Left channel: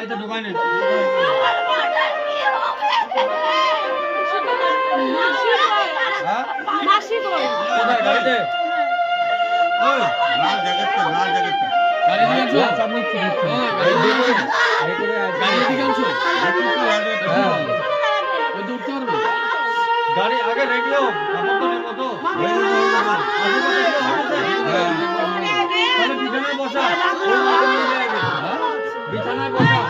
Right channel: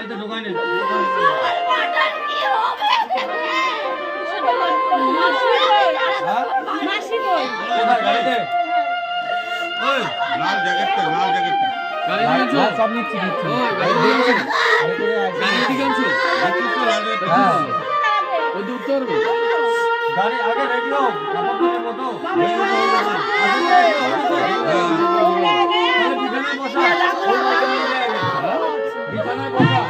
গাড়িতে ঢোকাই না গাড়িতে লাল জ্যাকেটটা সব নিচ্ছি গাড়ি আগে রেডি হোক মতো বিছানায় বসা বিছানায় বসা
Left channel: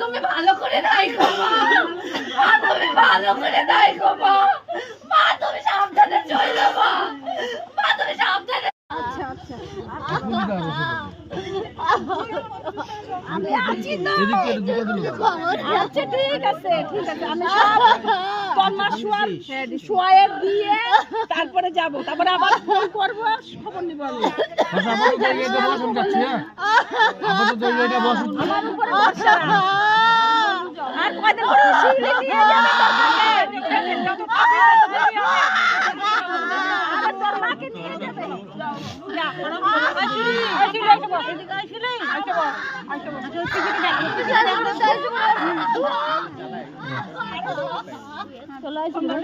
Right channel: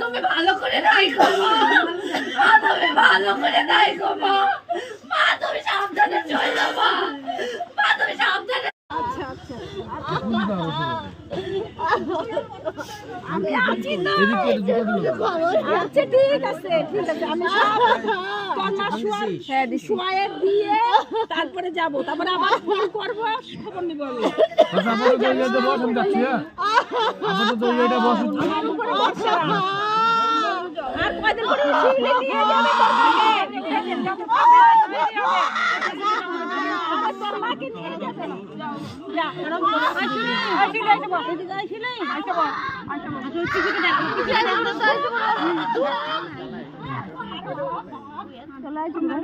তুমি ভালো করে নাই গো মা, তুমি ভালো করে নাই গো মা, তুমি সাবধানে চলো মা, তুমি সাবধানে। আমি আছি না। আচ্ছা ঠিক আছে আমি শোয়ায়ে দিয়ে তারপরে যাব, তারপরে আবার ফোন করব, খবর নিব আমি। আর কয়দিন পরে শিবিরে দিয়ে যাবে তোর মাকে নিয়ে যাবে না আসলে এদিকে আসলে চলে আসবে